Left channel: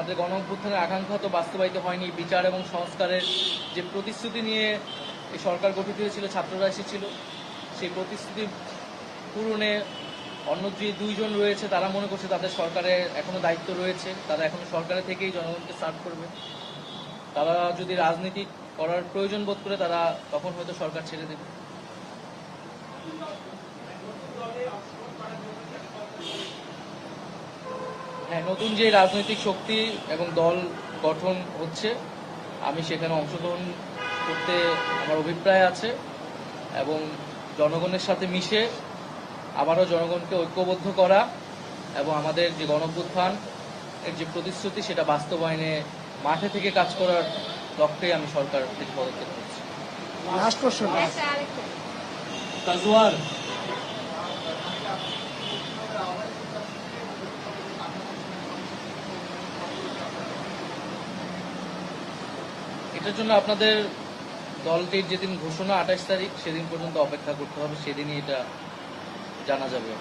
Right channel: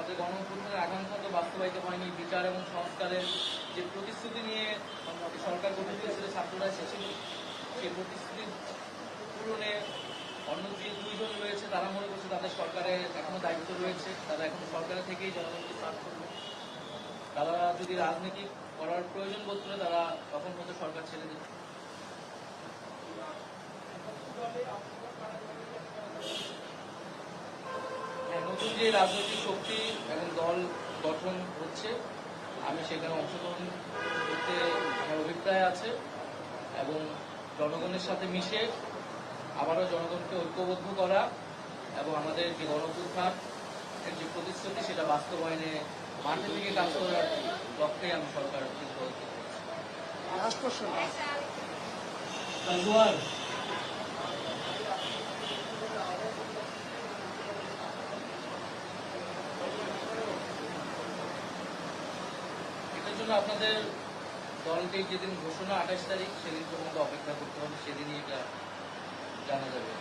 আমাদের গণ অভ্যুত্থানের আকাঙ্ক্ষা তো বাস্তবায়িত হয়নি। বিচার এবং সংস্কারের যে প্রতিশ্রুতি নিয়ে এই সরকার গঠিত হয়েছিল, ছাত্ররা এসেছিল, সেই প্রতিশ্রুতি পূরণে অন্য যে দুইজন রয়েছে তারা মনে করছে তাদের সরকারে এখনো দায়িত্ব রয়েছে, তারা এখনো সরকারে থেকেই জনগণকে সার্ভ করবে। তারা যদি রাজনীতি করার প্রয়োজন বোধ করে তারা তখন হয়তো সরকার ছেড়ে দেবে। হ্যাঁ, নতুন যে রাজনৈতিক শক্তি এবং দল গঠন হচ্ছে, আমি সেখানে অংশগ্রহণ করতে আমার অভিপ্রায় আছে এবং জনগণের সাথে মিশে আবারও জনগণকে ঐক্যবদ্ধ করা এবং আমাদের যে গণঅভ্যুত্থান এর যে প্রতিশ্রুতি সেটা বাস্তবায়নে মাঠে থেকে কাজ করার লক্ষ্যে আমি সরকার থেকে পদক্ষেপ করছি। লাস্ট প্রশ্ন। এটার জন্য আপনাদের দলটির যেদিন ঘোষণা 28 তারিখ, সেদিন পর্যন্ত অপেক্ষা করতে হবে, সেদিনই এটা জানা যাবে।